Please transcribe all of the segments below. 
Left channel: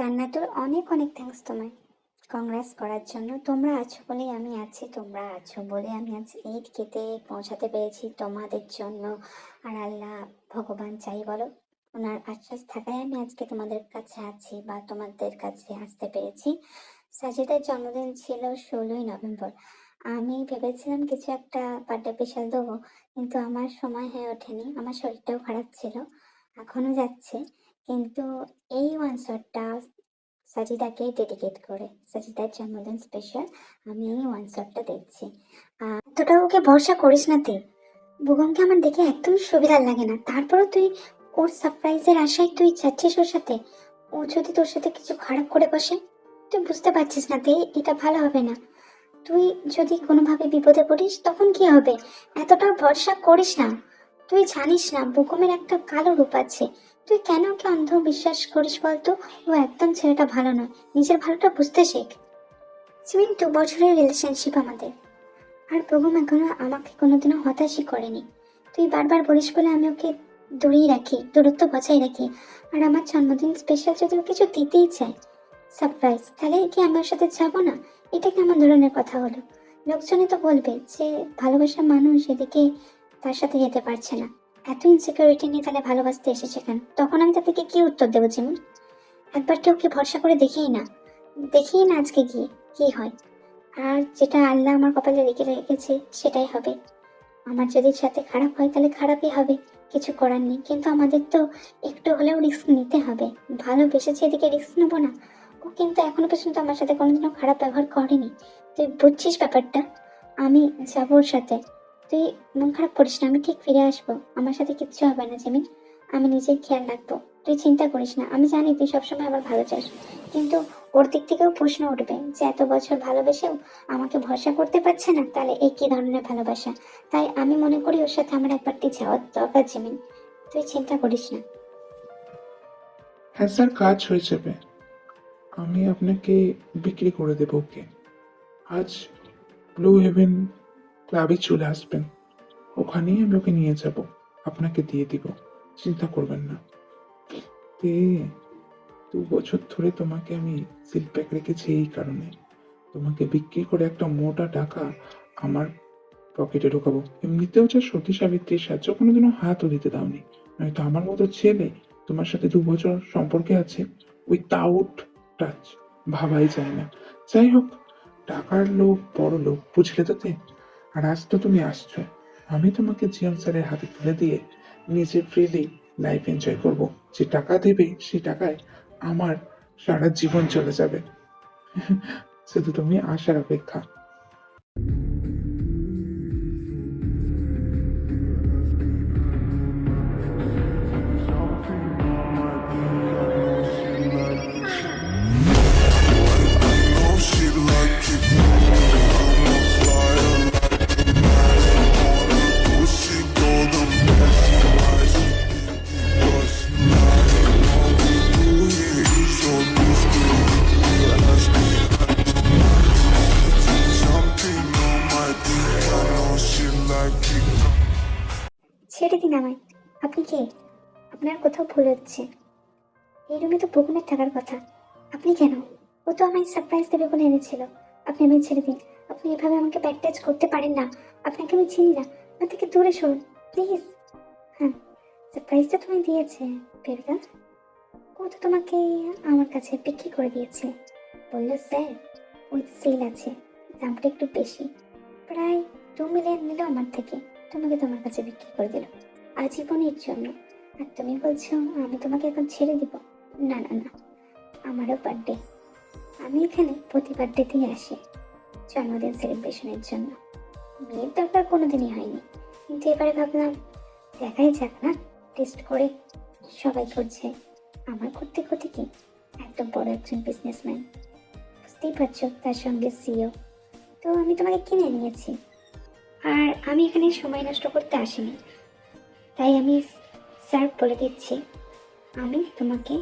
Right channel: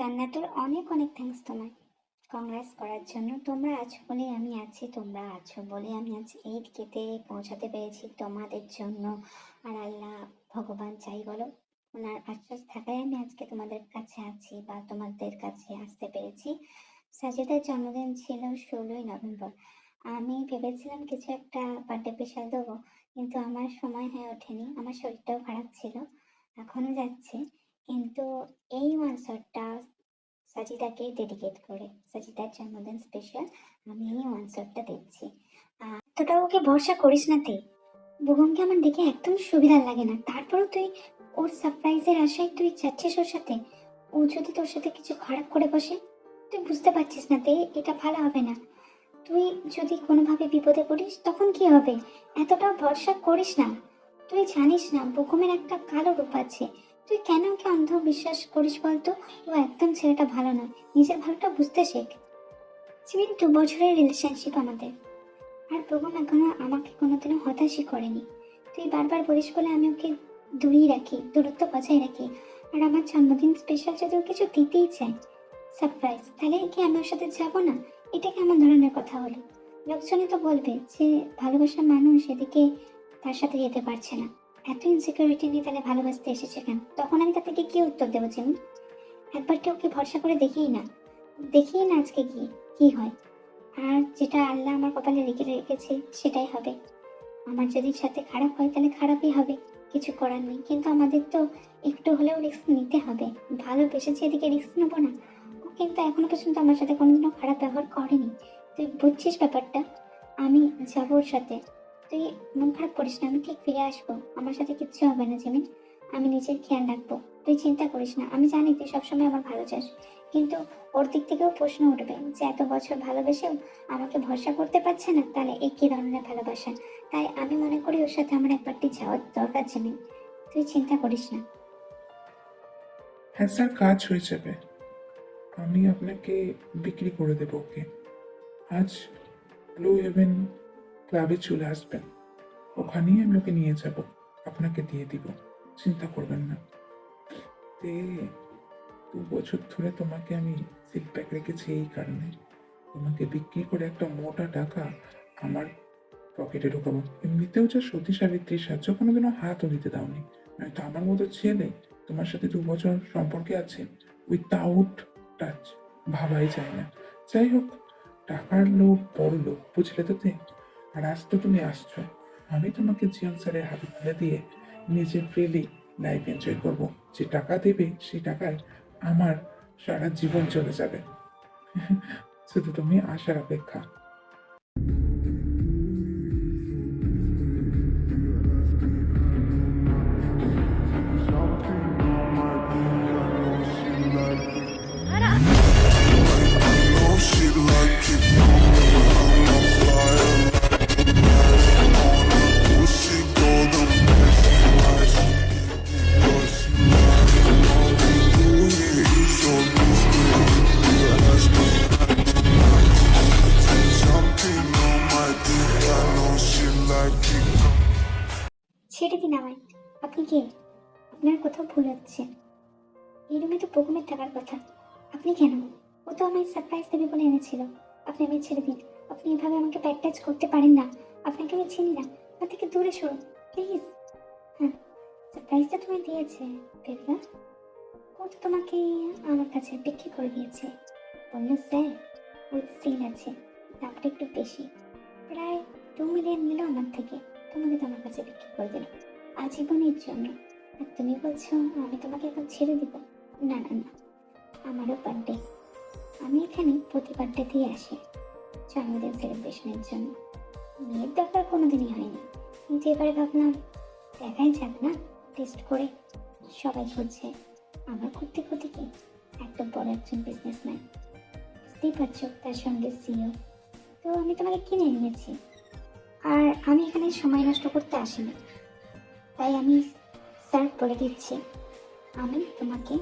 জান্নাতুর অনেক অনেক থ্যাঙ্কস তোমায় কংগ্রেস করার জন্য। তোমরা আছো বলেই আমি আছি, তোমরা আছো বলে আমি আজ এই দিকেতে পৌঁছাতে পেরেছি তোমাদের জন্য। আর আল্লাহ ভগবান চাই বলো, ওনার আশ্বাস থাকায় আমি আজকে তোমাদের কাছে আছি বা তোমাদের কাছে আসতে পেরেছি। সাজিদার জন্মদিন ছিল 16ই নভেম্বর। আমি ভেবেছিলাম কিছু একটা বার্থডে স্পেশাল দেবো, কিন্তু আমার সময় হয়ে ওঠেনি, আমার শরীরটাও খারাপ ছিল, এখনো যাচ্ছে। কিন্তু এই ওয়ান শটটা সাজিদাকে ডেডিকেট করে, সাজিদার জন্মদিন স্পেশাল, আমি এই ওয়ান শটটা দেখছি। এতটা ওকে ভরসা করিস না তুই। বুগমকে আমার দেখে একদম সুবিধা লাগে না, তারপরও তুই ওর সারপ্রাইজের আশায় তুই যাচ্ছিস ওর সাথে। ও যদি তোর সাথে কিছু খারাপ করে বসে, তুই বুঝতে পারছিস না তুই এটা ভালো হবে না। তুই যদি কোনোভাবে বিপদে পড়িস তখন কি হবে? এতটা ভরসা করিস না। তুই জানিস না বুকুমের একটা কালো রূপ আছে। তুই কেন ওকে অন্ধ বিশ্বাস করিস বলতো? ও একদম ছেলেটা ভালো নয়, নিজের ভালোটা বুঝতে শেখ। সিমিন 2 বছরের রিলেশনশিপ আমাদের, আর বুকুম এখনো আমাকে কোনোদিনও হতাশই করেনি। তুই বারবার বলিস বলে আমি ওকে দূরেই রাখি, দূরত্ব বজায় রাখি। আর আমার জন্মদিন স্পেশাল যদি ও কিছু দিতেই চায় সারপ্রাইজ, তাহলে কি আমি ওর সাথে যাবো না? এটা কেমন ধরনের কথা হলো? লোকজনে তো বলবে যে ভালোবাসার মানুষ এদিকে তার সাথে যেতে পারছে না, এত ইনসিকিউরিটি নিয়ে তাহলে ভালোবাসতে এসেছে কেন? তখন আমি তাদেরকে কি উত্তর দেবো যেমন? একবার তো ওকে ভরসা করে দেখেই না আজকে গিয়ে কি হয়। আর যেটা আল্লাহ আমার কপালে রেখে রেখেছে সেটাই হবে। আমার যদি সাথে খারাপ হয় তাহলে খারাপই হবে, কিছু করার নেই। কিন্তু আমাদের তো একটু হলেও রিস্ক নিতে হবে, ভালোবেসেছি এদিকে রিস্ক নেবো না? ও কিন্তু এখনো পর্যন্ত আমার সাথে কোনোদিনও খারাপ ব্যবহার করেনি। তুই বুঝছিস ব্যাপারটা? আমি যাবো ওর সাথে, তুই মন খারাপ করিস না, আমি ঠিক ফিরে আসবো, আমার সাথে কিচ্ছু হবে না জেমিন। আমি নিজের খেয়াল রাখবো, তুই চিন্তা করিস না। আমি জানি তুই সবসময় আমার ভালো চাস, কিন্তু ওর দিক থেকেও প্রশ্ন উঠবে যে এত বছর ভালোবেসেও আমাকে ভরসা করতে পারছে না, তাহলে এই কি ধরনের ভালোবাসা? তাই আমি মনে করি ওর সাথে আমার একবারটি যাওয়ার দরকার জিমিন, তুই চিন্তা করিস না। হ্যাঁ স্যার, কাজ হয়ে যাবে। আমি আপনাকে বিক্রি করে দেবো ওকে। আজ ব্লু হেভেন ক্লাবে চলে আসবেন, ওখানেই আমি ওকে নিয়ে যাব, আপনাকে দিয়ে দিব, চিন্তা করবেন না। তে 2 বছর ধরে তোমাকে আমি সিল প্যাক রেখেছি এই কারণে, তোমাকে বিক্রি করে একটা মোটা টাকা আমার পকেটে ঢোকাবো। এমনিতেও যে সতী সাবিত্রীর সাহায্য কোনোদিনও হাতও দিতে দাওনি, নয়তো আমার মতো ছেলে তোমার সাথে 2 বছর সম্পর্কে আছে উইথাউট টাচ, ভাবাই যায় না। যাই হোক, টাকার লোভ বড় লোভ, বুঝলে তো তে? আর আজ তো তুমি আসছো, আমি তোমাকে জিয়ান স্যারের হাতে তুলে দিয়ে নিজে ফ্রিলি লাইফ এনজয় করবো। যে টাকা দেবে সেই টাকায় আমার সারা জীবন চলে যাবে। শুধু তুমি আসার অপেক্ষা। ছেড়ে দিন আমায়। আপনি কে? আপনার কোথাও ভুল হচ্ছে, এই রুমে তো বুকুমের থাকার কথা। আপনি কেন? ও তো আমায় সারপ্রাইজ দেবে বলে এনেছিল। আপনি আমায় ছেড়ে দিন, আপনি এভাবে আমাকে ব্যাড টাচ করতে পারেন না। আপনাকে আমি চিনি না, আমার থেকে দূরে সরুন প্লিজ। হ্যাঁ, সারপ্রাইজটা তুমি দিয়েছে বেবদা, ও তো তোমাকে আমার কাছে বিক্রি করে দিয়েছে। বললো স্যার ওই সেল আছে, দামটা একটু বেশি, প্রায় 2 মিলিয়ন নিল আমার থেকে, তোমাকে তোমার কাছে বিক্রি করে দিল আজীবনের জন্য। আর তুমি বলছো আমি তোমাকে এখন ছেড়ে দিব? না না না, আমারও বার্থডে, আমি এখানে প্রতি বার্থডেতেই আসি জন্মদিন সেলিব্রেশনের জন্য। বিয়ের দরকার কোনোদিনই হয়নি, কিন্তু এবারে ভাবলাম দেখাই যাক না, টেস্ট করে। সবাই করছে, আমার করতে ক্ষতি কি? এত বড় একজন বিজনেসম্যান, বুঝতেই পারছো, তার সঙ্গে সিও, তো আমি তোমাকে কিনে নিয়েছি। আর আমি এখানে সময় নষ্ট করতে আসিনি, তাই আমি স্যার বলে দিচ্ছি, আমি তোমাকে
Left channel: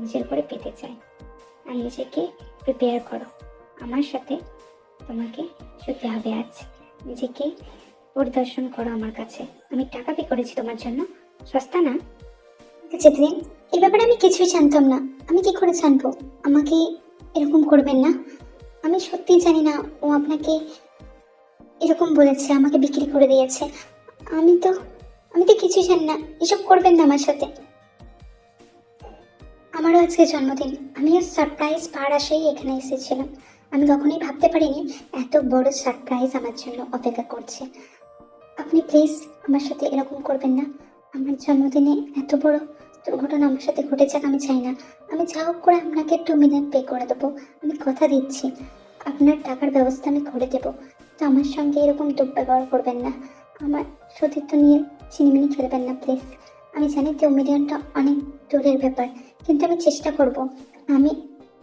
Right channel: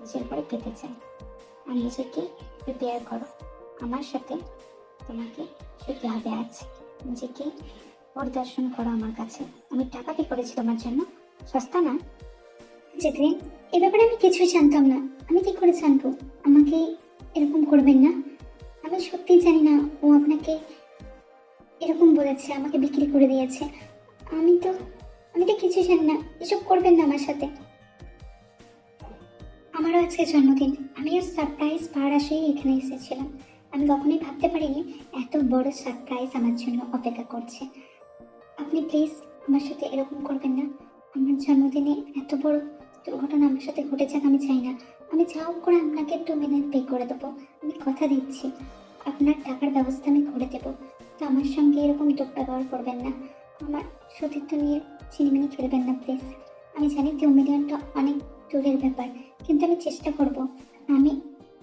নিজের করে পেতে চাই। আর নিজেকে প্রিপেয়ার করো, আমার সাথে তোমাকে শুতে হবে আজ। নিজেকে পরিদর্শন করো আমার কাছে, আমি টাকা পে করেছি তোমার জন্য, সস্তা না। যেতে দিন। এই ব্যাপারে আমি কিছুই জানতাম না। আমি কি করে জানবো? আমাকে এরকম করবেন না। আমি সত্যিই জানি না ও আপনাকে এরকম বলেছে, আমাকে বিক্রি করে দিয়েছে। আমি তো আমি তো কিছুই জানি না। এসব করবেন না আমার সাথে। আমারও আজকে জন্মদিন। আমিও সারপ্রাইজ পাওয়ার আশায় এখানে এসেছিলাম। আমি কখনোই ভাবতে পারিনি এত বড় সারপ্রাইজ আমার জন্য অপেক্ষা করছে। আপনি প্লিজ আমার সাথে এরকম করবেন না। আমার জন্মদিনে এত বড় দুর্ঘটনা আমার সাথে ঘটে যাক আমি চাই না। আমি যা হোক করে আপনাকে 2 মিলিয়ন পে করে দেবো। আমি কথা দিচ্ছি, আপনার টাকার ব্যবস্থা আমি করে দেবো। তো আমার সঙ্গে এরকম দুর্ব্যবহার করবেন না। আমার সতীর্থ নিয়ে চিনিমিনি খেলবেন না প্লিজ। আমি জানি 2 মিলিয়নটা অনেক দূরের ব্যাপার, কিন্তু আমি চেষ্টা করব। আমি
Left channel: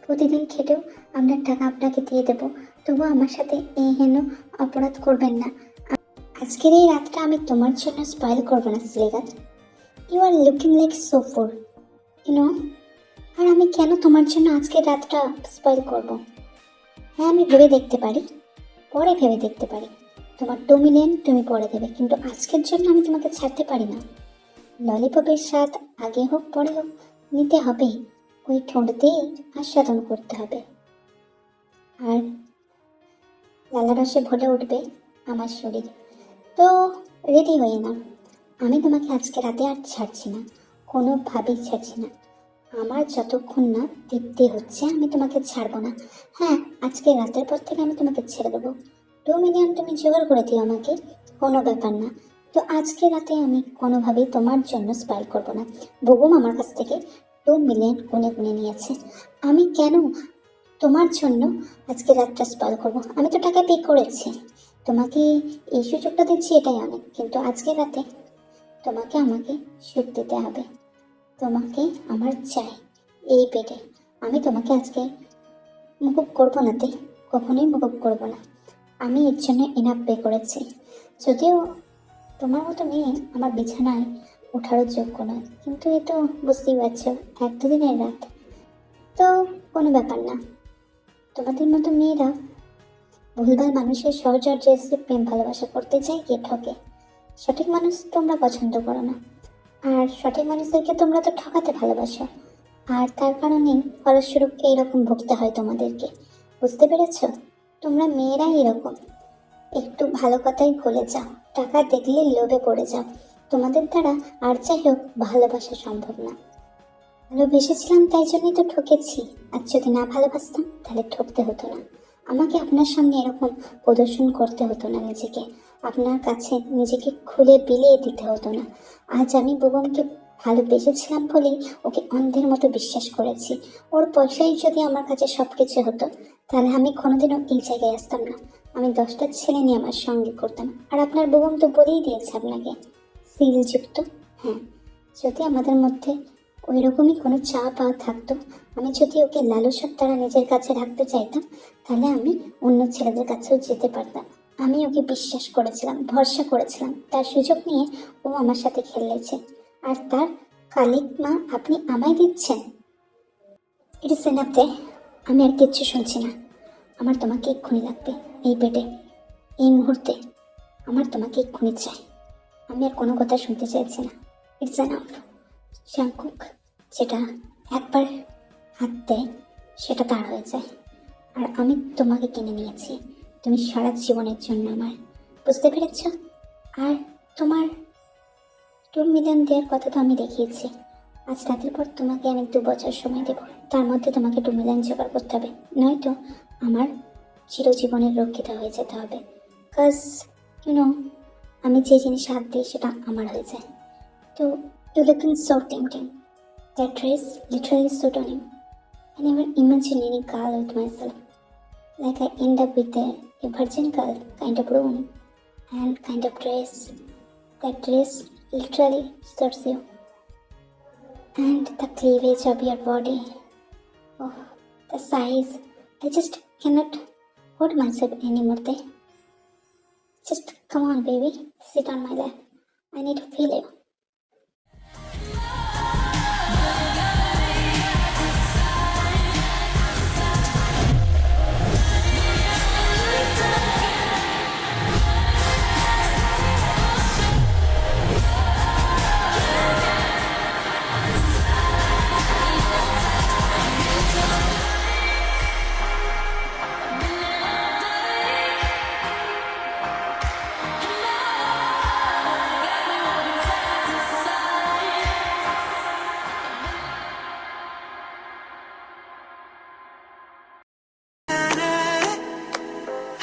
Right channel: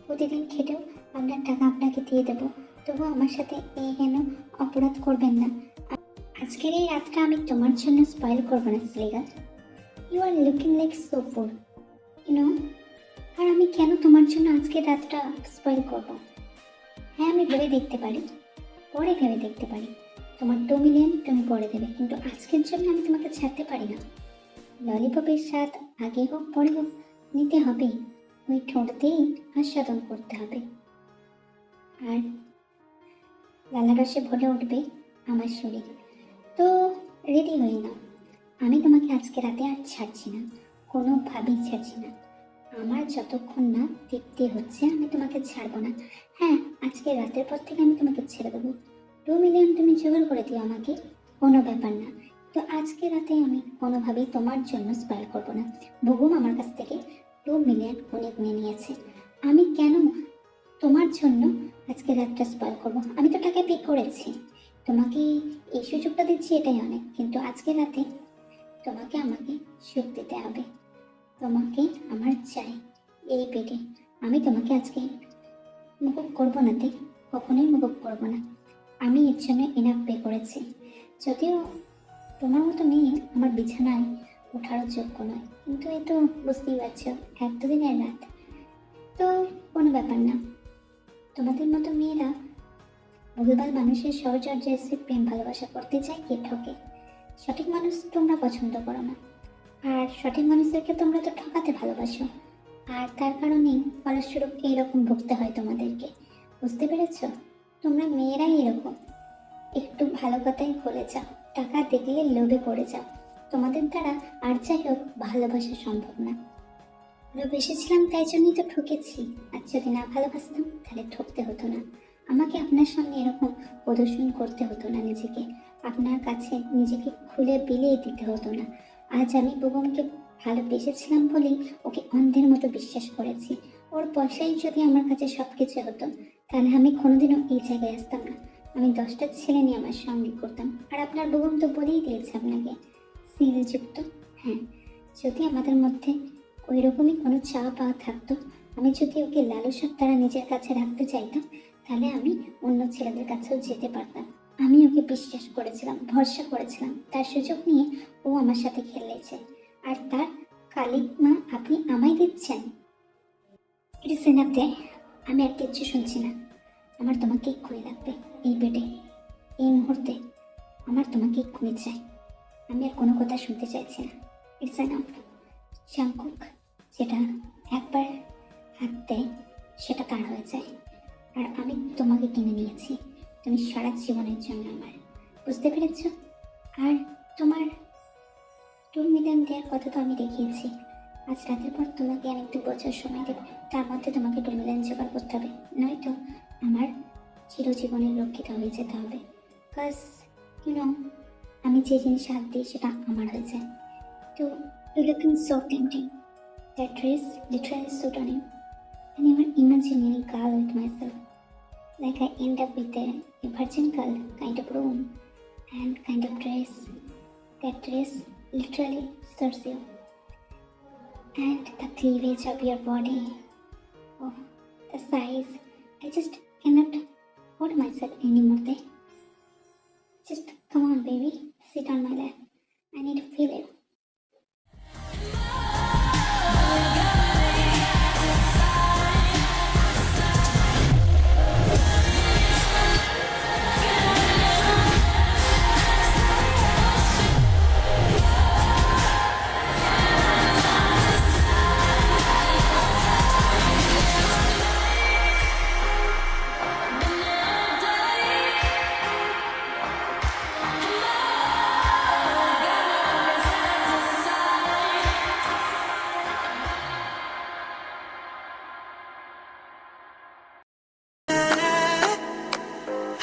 প্রতিদিন খেটেও আপনার টাকা আপনাকে দিয়ে দেবো। তবুও আমার সাথে এই হেন অপরাধ করবেন না। আজকের এই রাতটা আমি তোমার জন্য স্পয়েল করবো না শ্রীগাত। You are looking like so full, you know. আর আমি কেন তোমার জন্য আজকের রাতটা স্পয়েল করব? হ্যাঁ, আমি ভেবে দেখতে পারি, পরে ভেবে দেখতে পারি। তোমার 2 মিলিয়ন তুমি পরে দেবে, কিন্তু আজকের জন্য আমি তোমাকে ছাড়তে পারি না। ললিপপের স্বাদ আগে হোক পরে হোক নিতে হবে। ওই ঠোঁট দিয়ে আস্বাদন করতে হবে। আর লালারসে ভরে উঠবে আমার শরীর। তো রেডি হয়ে নাও। আমি তোমাকে আজকে রাতে আর ছাড়ছি না, কোনোভাবেই ছাড়ছি না। আমার যতক্ষণ না তৃপ্তি হচ্ছে আমি তোমাকে ছাড়বো না। হ্যাঁ, আজকে রাতের পর থেকে আমি তোমাকে ছেড়ে দেবো। 2 মিলিয়ন তুমি জোগাড় করে দিও আমাকে, কোনো ব্যাপার না। তো আজকে রাতে আমি কোনোভাবেই তোমার জন্য স্পাইল করবো না। বুবুম আমার কাছ থেকে 2 মিলিয়ন গুনে গুনে নিয়েছে। আমি কেন তোমার জন্য আজকে রাতটা স্পয়েল করবো? আমি তো টাকা পে করেছি। তোমাকে এই সুযোগটা দিচ্ছি, এটাই অনেক। কিন্তু আজকে রাতে তোমাকে আমাকে সুখ দিতে হবে। তোমাকে আমার চাই এই পেটে। আমি তোমাকে আজকে মুকুব করবো না, কখনোই মুকুব করবো না। আমি এর জন্য এনাফ পে করেছি। যদিও তোমার মতো মেয়ে আমার বিছানায় ওঠারও যোগ্য নয়, কিন্তু এ তো বুঝতেই পারছো 1-2 দিনের রাত, তো কোনো ব্যাপার না। তোমাদের মতো মেয়েরা ভুলভাল মানুষের সহচর্যে এসে প্রেম ভালোবাসা করতে চায়, গিয়ে ঠকে। সঠিক মানুষ তোমরা পছন্দ করো না, আর সঠিক মানুষদেরকে তোমরা তো ঠকাতে ভালোবাসো। আর তার কারণেই ফলস্বরূপ এইরকম ভুগতে হয় তোমাদেরকে। বুঝতে পেরেছো? তোমরা মেয়েরা এরকম, একটু ভালো কথাই গলে যাও, টাকা দেখলে লোভে পড়ে যাও। তোমাদের দ্বারা আর যাই হোক ভালোবাসা সম্ভব না। ভালোবেসেছিলাম তাই জন্যই তো ঠকেছি। আর যদি না ভালোবাসতাম তাহলে ঠকতে হতো না। আমাকে আপনার সামনে এরকম প্রদর্শন করতে হতো না নিজেকে। আপনার কাছে নিজেকে খুলে বিলিয়ে দিতে হতো না। আজ আমি বুবমকে ভালোবেসেছিলাম বলেই ওকে অন্ধের মতো বিশ্বাস করেছি। ওর পয়সাই যদি আমার কাছে সব কিছু হতো, তাহলে আমি কোনোদিনও এই জায়গায় আসতাম না। আমি 10টা ছেলে নিয়ে আমার সঙ্গে করতাম। আর আপনার বুবম তো বলেই দিয়েছে আপনাকে, সিলযুক্ত। হ্যাঁ, যদি আমাদের মধ্যে ওই রকমই কোনো চাওয়া পাওয়া থাকতো, আমি যদি ওকে লালসার দ্বারা নিজের কাছে রাখতে চাইতাম, তাহলে আমি অন্য ছেলেদের কাছেও যেতে পারতাম। আমি ওকে বিশ্বাস করেছিলাম, ভরসা করেছিলাম, তার সুযোগ নিয়ে ও আমার সাথে খেলেছে। আর তার কালিক মা আপনি আমায় দিচ্ছেন। ইট ইস এনাফ দে। আমি আর কিচ্ছু শুনছি না। আমার তোমাকে এক্ষুনি লাগবে, এই পেটে, এই মুহূর্তে। আমার তোমাকে এক্ষুনি চাই। আমি আর কোনো কথা শুনতে চাইছি না। It's enough. শাঙ্কুক যেটা একবার হাত দেয় সেটা তার হয়ে যায়। আর আমি তোমাকে কিনে নিয়েছি, তুমি সারা জীবনের জন্য আমার। বুঝতে পেরেছ? আর তোমার 2 মিলিয়ন দেওয়ার কথা তো আমি দেখিয়েছি। আজ রাতের পর তোমাকে আমি 2 বছর সময় দেবো। তার মধ্যে তোমাকে 2 মিলিয়ন জোগাড় করতে হবে, নয়তো আমার চিরজীবনের রক্ষিত হয়ে যেতে হবে। কাজ ইউনো, আমি যে জিনিসে হাত দিই সেটা আমার হয়ে যায়। তো you're looking so tempting. That dress literally suit on you. I never imagine any girl with myself. Like I end up with a virgin girl kind of room and kind of dress. That dress literally suits you. And the cleavage of your body. Oh, the size. I just cannot hold myself anymore there. Just come on, baby. Sit on my lap. I need to feel you.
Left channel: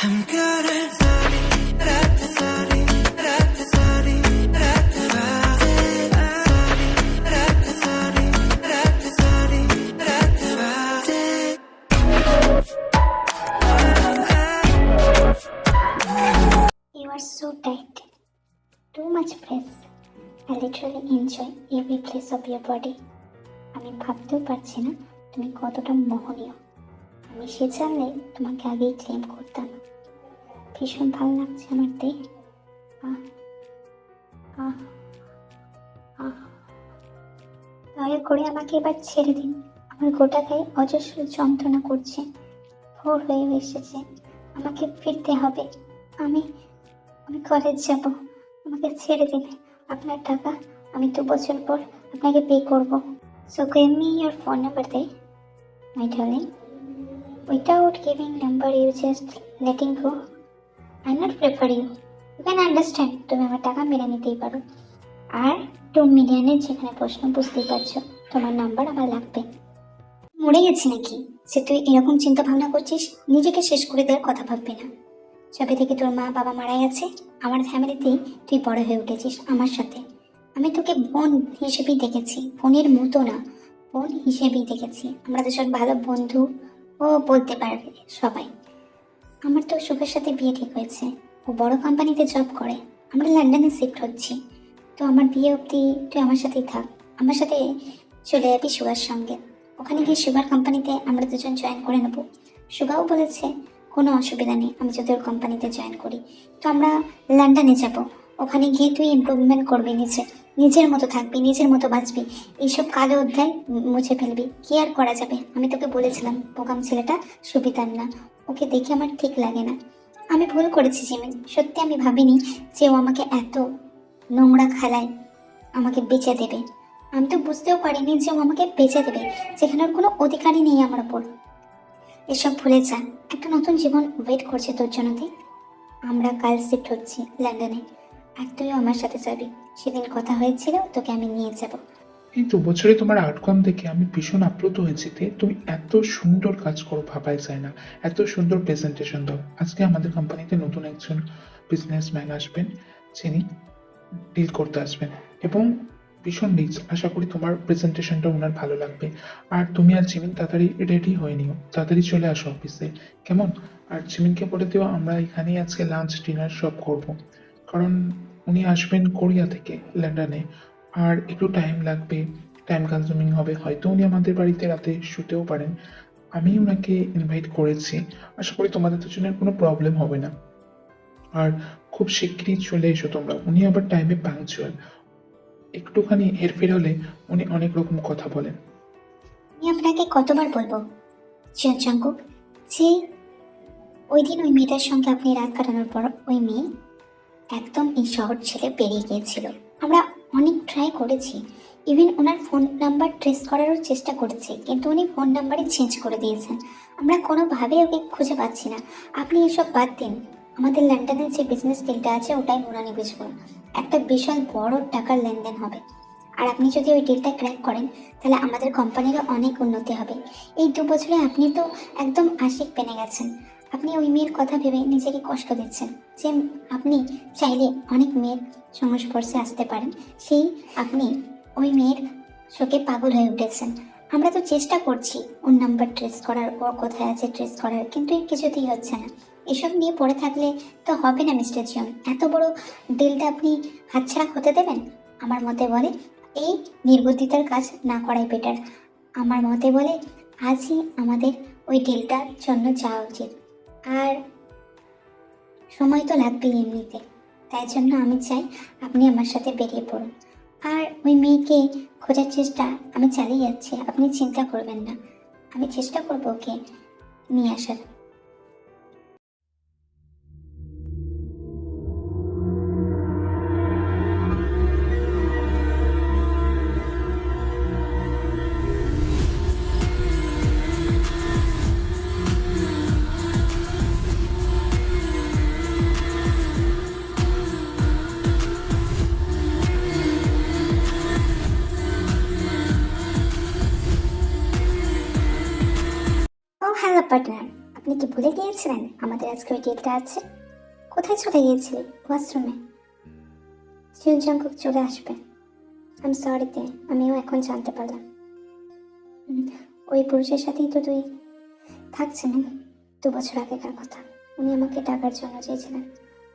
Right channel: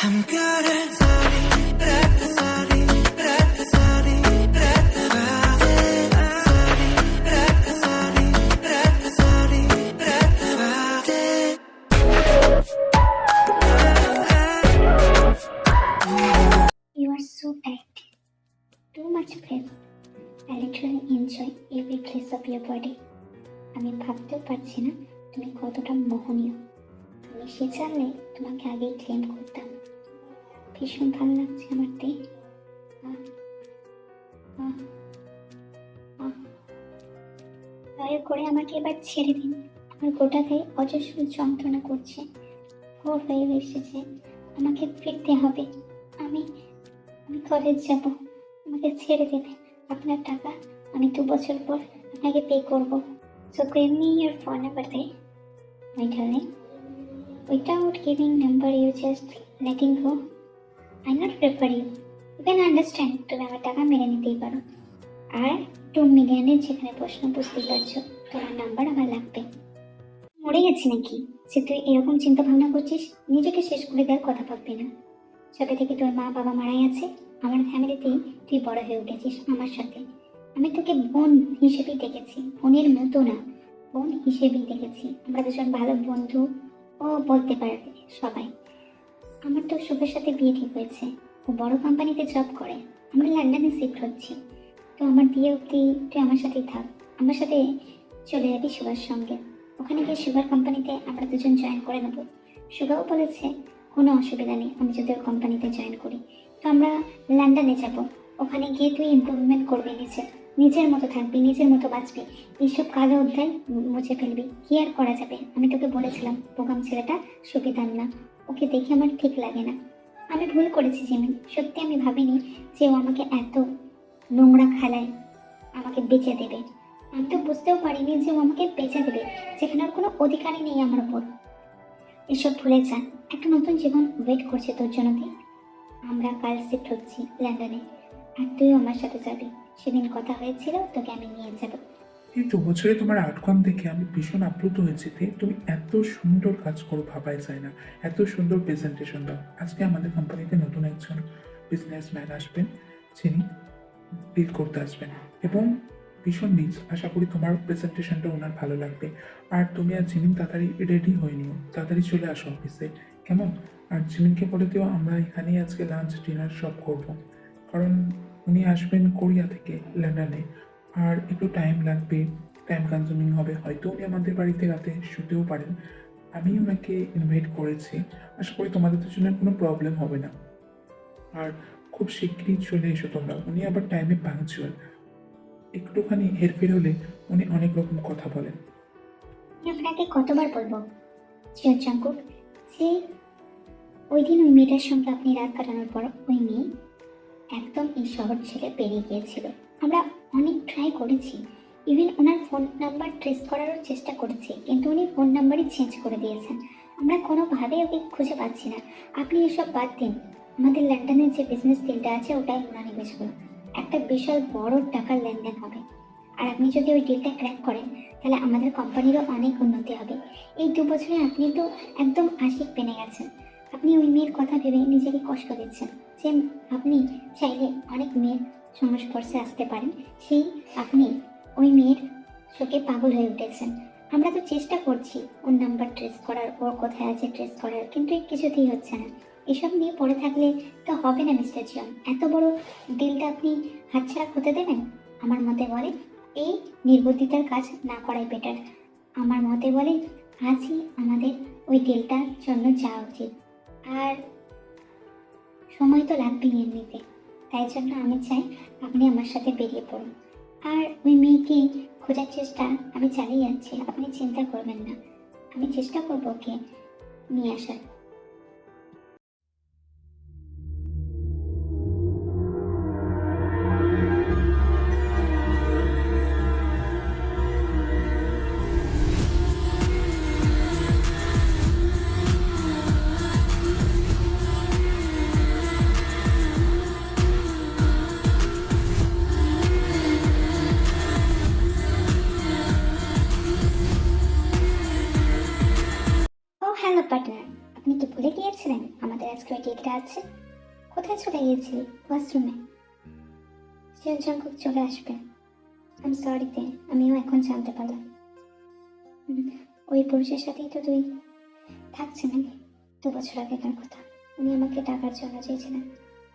हमकर सारी रात सारी रात सारी रात बातें सारी रात सारी रात सारी रात बातें You are so tight. Too much press. I literally enjoy every place of your body. আমি ভাবতেও পারছি না তুমি কতটা মোহনীয়। আমি সে জানলে তোমাকে আগেই ক্লেম করতাম। ভীষণ ভালো লাগছে আমার দেহ। আহ, আহ, আহ। দয়া করে আমাকে এবার ছেড়ে দিন। আমার গোটা গায়ে অজস্র যন্ত্রণা করছে। ভোর হয়ে এসেছে, আমাকে ফিরতে হবে। আমি আমি কলেজ যাব। আমাকে ছেড়ে দিন। আপনার টাকা আমি 2 বছর পর আপনাকে পে করব। So give me your phone number there, my darling. Without giving number, you just letting go. I not prefer you. You can understand. তুমি আমার টাকা মেরে নিতেই পারো। আর 2 মিলিয়নের যেখানে প্রশ্ন বুঝতেই পারছো, তোমার নাম্বার আমার লাগবে। মরে গেছি নাকি যে তুই এরকম চিন্তা ভাবনা করছিস? নিজেকে শেষ করে দেওয়ার কথা ভাববি না। যবে থেকে তোর মা বাবা মারা গেছে, আমার ফ্যামিলিতেই তুই বড় হয়ে উঠেছিস আমার সাথে। আমি তোকে বোন হিসেবেই দেখেছি, বোনের মতো না, বোন হিসেবেই দেখেছি। আমরা দুজন ভালো বন্ধু ও বলতে পারবে সবাই। আমার তো শুভের সাথে বিয়ে ঠিক হয়েছে, ও বড় কোম্পানিতে জব করে। আমরা লন্ডনে শিফট হচ্ছি। তো আমার বিয়ে অবধি তুই আমার সাথেই থাক। আমার সাথে চলে যাবি সুগার সঙ্গে। ওখানে গিয়ে সুগার কোম্পানিতে আমরা দুজন জয়েন করে নেবো। সুগাও বলেছে কোনো অসুবিধা নেই আমি যদি ওর কোম্পানিতে জয়েন করি। তো আমরা লন্ডনে যাব। ওখানে গিয়ে তুই ইমপ্রুভমেন্ট করবি, নিজের মতো থাকবি, নিজের মতো বাঁচবি। এইসব কালো অধ্যায় মুছে ফেলবি। কি আর করা যাবে? আমি তোকে বলেছিলাম বোকাম ছেলেটা সুবিধার না, ওকে দেখে আমার ঠিক লাগে না। আমি ভুল করেছি জিমিন, সত্যি আমি ভাবিনি যে ও আমাকে এত নোংরা খেলায় আমাকে বেঁচে দেবে। আমি তো বুঝতেও পারিনি যে ও আমাকে বেঁচে দেবে, যেখানে ওর কোনো অধিকারই নেই আমার ওপর। এসব ভুলে যা, একটা নতুন জীবন ওয়েট করছে তোর জন্য। দেখ, আমরা কাল শিফট হচ্ছি লন্ডনে, আর তুইও আমার সাথে যাবি। সেদিন কথা হয়েছিল তোকে আমি নিয়ে যাব। এই 2 বছরে তোমার আউটকাম দেখে আমি ভীষণ আপ্লুত হয়েছি। তুমি এত সুন্দর কাজ করো ভাবাই যায় না, এত সুন্দর প্রেজেন্টেশন দাও। আজকে আমাদের কোম্পানিতে নতুন একজন বিজনেসম্যান আসবেন, যিনি ডিল করতে আসবেন এবং ভীষণ রিচ। আশা করি তোমার প্রেজেন্টেশনটা ওনার ভালো লাগবে। আর তুমি আর জিমিন তাড়াতাড়ি রেডি হয়ে নিও, তাড়াতাড়ি চলে আসো অফিসে, কেমন? আর জিমিনকে বলে দিও আমরা এখানেই আজকে লাঞ্চ ডিনার সব করব, কারণ উনি আসবেন কোরিয়া থেকে লন্ডনে। আর একটু টাইম লাগবে, টাইম কনজিউমিং হবে, হয়তো উনি আমাদের বাড়িতে রাতে শুতেও পারেন। আমি ওনাকে ইনভাইট করেছি, আশা করি তোমাদের দুজনের কোনো প্রবলেম হবে না। আর খুব শিগগিরই চলে এসো তোমরা। উনি আবার টাইমে পাংচুয়াল, একটুখানি হেরফের হলে উনি অনেক রকম কথা বলেন। আমি আপনাকে কতবার বলবো জিয়ন চাঙ্কুক, যে ওই দিন ওই মেয়েটার সঙ্গে আপনি রাত কাটানোর পর ওই মেয়ে একদম এই শহর ছেড়ে বেরিয়ে গিয়েছিল। আমরা অনেক ট্রাই করেছি, ইভেন ওনার ফোন নাম্বার ট্রেস করারও চেষ্টা করেছি, কিন্তু উনি ফোন নাম্বারই চেঞ্জ করে দিয়েছেন। আমরা কোনোভাবে ওকে খুঁজে পাচ্ছি না। আপনি এসব বাদ দিন, আমাদের লন্ডনের যে বিজনেস ডিলটা আছে ওটাই উনানি বুঝবো। একটা বিশাল বড় টাকার লেনদেন হবে। আর আপনি যদি ওই ডিলটা ক্র্যাক করেন তাহলে আমাদের কোম্পানিরও অনেক উন্নতি হবে। এই 2 বছরে আপনি তো একদম আশিক পেনে গেছেন। আপনি ওই মেয়ের কথা ভেবে নিজেকে কষ্ট দিচ্ছেন, যে আপনি চাইলে অনেক মেয়ের সংস্পর্শে আসতে পারেন, সেই আপনি ওই মেয়ের শোকে পাগল হয়ে উঠেছেন। আমরা তো চেষ্টা করছি ওর নাম্বার ট্রেস করার, ওর কোথায় আছে ট্রেস করার, কিন্তু কিছুতেই হচ্ছে না। এসব নিয়ে পড়ে থাকলে তো হবে না মিস্টার জন। এত বড় ডিলটা আপনি হাতছাড়া হতে দেবেন? আমার মতে বলে এই নির্বুদ্ধিতার কাজ না করাই বেটার। আমার মতে বলে আজই আমাদের ওই ডিলটার জন্য যাওয়া উচিত। আর সময় তো লাগবেই এমনিতে, তাই জন্য আমি চাই আপনি আমার সাথে বেরিয়ে পড়ুন। আর ওই মেয়েকে খোঁজার চেষ্টা আমি চালিয়ে যাচ্ছি, আপনি চিন্তা করবেন না। আমি চেষ্টা করবো ওকে নিয়ে আসার। ও হ্যালো পার্টনার, আপনি কি ভুলে গিয়েছিলেন আমাদের আজকে ওই ডেটটা আছে? কোথায় চলে গিয়েছিলি? ওয়াশরুমে। জিয়ন জাংকুক চলে আসবে। আই এম সরিতে, আমিও এখন জানতে পারলাম। ওই পুরুষের সাথেই তো তুই থাকছিলেন 2 বছর আগেকার কথা। উনি আমাকে টাকার জন্য চেয়েছিলেন।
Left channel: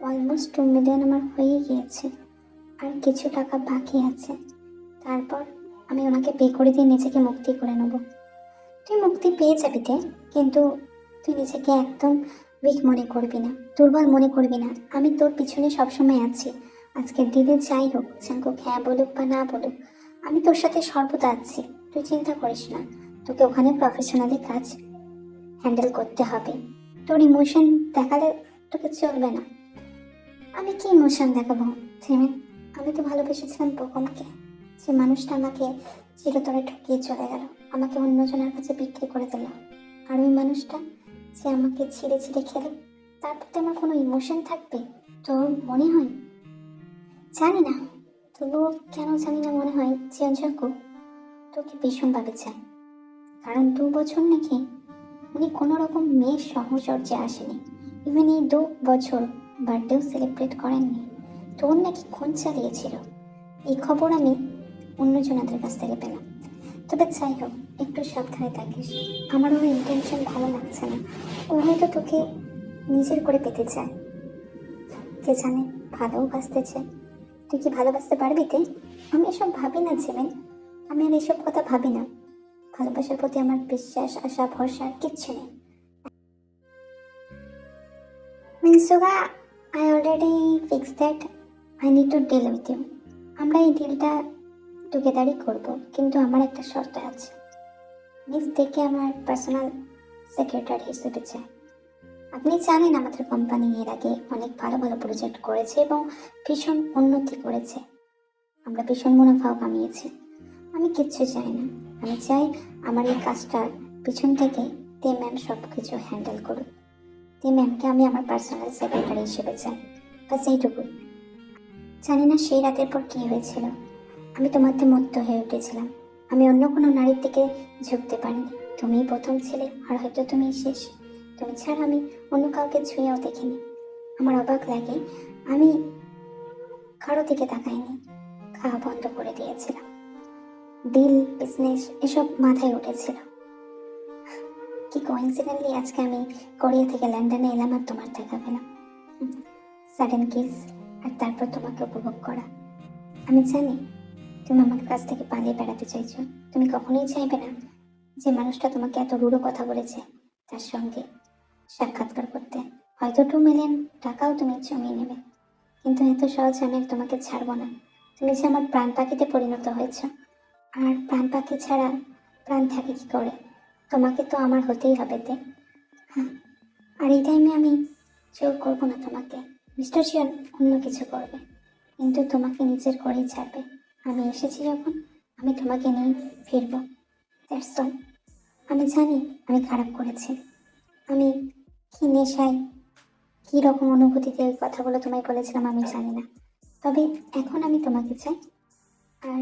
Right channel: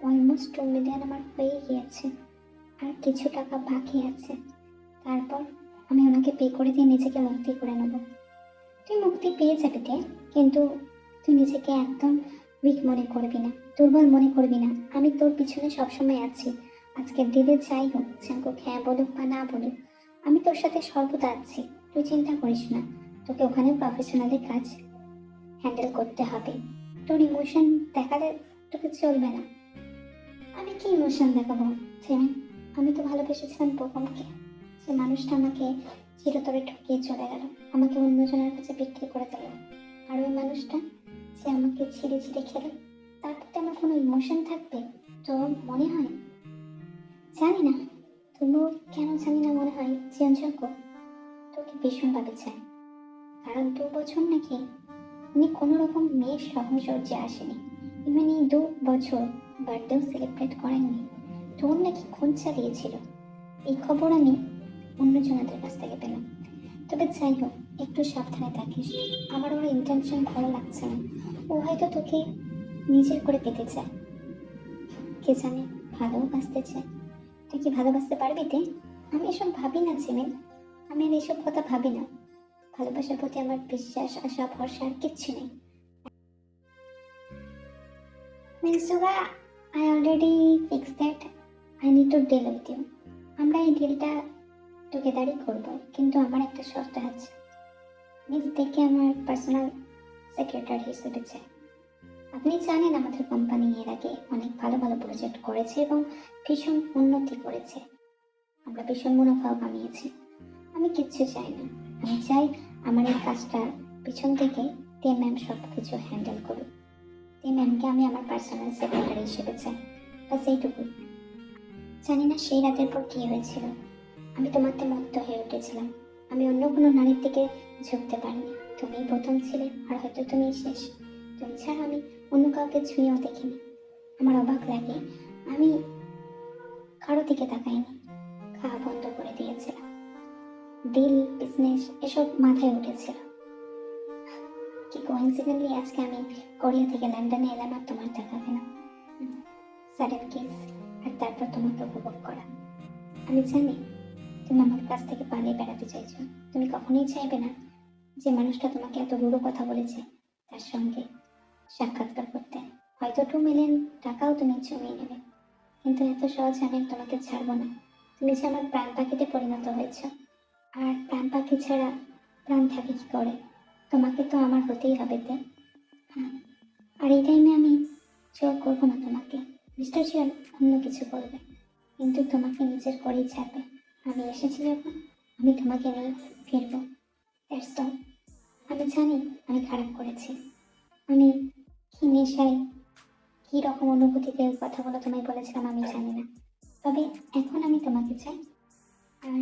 অলমোস্ট 2 মিলিয়ন আমার হয়ে গিয়েছে, আর কিছু টাকা বাকি আছে। তারপর আমি ওনাকে পে করে দিয়ে নিজেকে মুক্তি করে নেব। তুই মুক্তি পেয়ে যাবি তে, কিন্তু তুই নিজেকে একদম উইক মনে করবি না, দুর্বল মনে করবি না। আমি তোর পিছনে সবসময় আছি। আজকের দিনে যাই হোক, জাঙ্কুক হ্যাঁ বলুক বা না বলুক, আমি তোর সাথে সর্বদা আছি। তুই চিন্তা করিস না। তোকে ওখানে প্রফেশনালি কাজ হ্যান্ডেল করতে হবে। তোর ইমোশন দেখালে তোকে চলবে না। আমি কি ইমোশন দেখাবো জেমিন? আমি তো ভালোবেসেছিলাম বোকমকে, যে মানুষটা আমাকে চিরতরে ঠকিয়ে চলে গেল, আমাকে অন্যজনের কাছে বিক্রি করে দিল। আর ওই মানুষটা যে আমাকে ছিঁড়ে ছিঁড়ে খেলো, তার প্রতি আমার কোনো ইমোশন থাকবে তোর মনে হয়? জানি না, তবুও কেন জানি না মনে হয় জিয়ন জাংকুক তোকে ভীষণভাবে চায়। কারণ 2 বছর নাকি উনি কোনো রকম মেয়ের সহচর্যে আসেনি। ইভেন এই 2 বছর বার্থডেও সেলিব্রেট করেননি। তোর নাকি খুন চালিয়েছিল। এই খবর আমি অন্যজনাদের কাছ থেকে পেলাম। তবে যাই হোক, একটু সাবধানে থাকিস। আমার ওর ইন্টেনশন ভালো লাগছে না। ও হয়তো তোকে নিজের করে পেতে চায়, কে জানে ভালোবাসতে চায়। তুই কি ভালোবাসতে পারবি তে? আমি এসব ভাবি না ছেলে, আমি আর এসব কথা ভাবি না। ভালোবাসার প্রতি আমার বিশ্বাস, আশা, ভরসা আর কিচ্ছু নেই। Min Suga, I already fix that I need to deal with you. আমরা এই ডিলটা টুগেদারই করব, কিন্তু আমার একটা শর্ত আছে। মিস দেখে আমার পার্সোনাল সেক্রেটারি হিসেবে চাই। আপনি জানেন আমাদের কোম্পানি এর আগে অনেক ভালো ভালো প্রজেক্ট করেছে এবং ভীষণ উন্নতি করেছে। আমরা ভীষণ মুনাফাও কামিয়েছি। আমি কিচ্ছু চাই না। আমি চাই আমার এই কাজটা পিছন থেকে তে ম্যাম সব কিছু হ্যান্ডেল করুক। তে ম্যামকে আমি আমার পার্সোনাল সেক্রেটারি হিসেবে চাই, বাস এইটুকুই। জানি না সেই রাতের পর কী হয়েছিল, আমি তোমাতে মুগ্ধ হয়ে উঠেছিলাম। আমি অন্য কোনো নারীর দিকে ঝুঁকতে পারিনি। তুমিই প্রথম ছিলে, আর হয়তো তুমিই শেষ। তুমি ছাড়া আমি অন্য কাউকে ছুঁয়েও দেখিনি। আমার অবাক লাগে, আমি কারো দিকে তাকাইনি, খাওয়া বন্ধ করে দিয়েছিলাম। ডিল, বিজনেস এসব মাথায় উঠেছিল। কি কোইন্সিডেন্টলি আজকে আমি কোরিয়া থেকে লন্ডনে এলাম আর তোমার দেখা পেলাম। সাডেন কিস, আর তারপর তোমাকে উপভোগ করা। আমি জানি তুমি আমার কাছ থেকে পালিয়ে বেড়াতে চাইছো। তুমি কখনোই চাইবে না যে মানুষটা তোমাকে এত রূঢ় কথা বলেছে তার সঙ্গে সাক্ষাৎকার করতে। হয়তো 2 মিলিয়ন টাকাও তুমি জমিয়ে নেবে, কিন্তু এত সহজে আমি আর তোমাকে ছাড়বো না। তুমি যে আমার প্রাণ পাখিতে পরিণত হয়েছ, আর প্রাণ পাখি ছাড়া প্রাণ থাকে কি করে? তোমাকে তো আমার হতেই হবে তে। হ্যাঁ, আর এই টাইমে আমি জোর করবো না তোমাকে। মিস্টার জিয়ন অন্য কিছু করবে, কিন্তু তোমাকে নিজের করেই ছাড়বে। আমি এসেছি যখন, আমি তোমাকে নিয়ে ফিরবো। That's all. আমি জানি আমি খারাপ করেছি। আমি কি নেশায়, কী রকম অনুভূতিতে এই কথাগুলো তোমায় বলেছিলাম আমি জানি না। তবে এখন আমি তোমাকে চাই, আর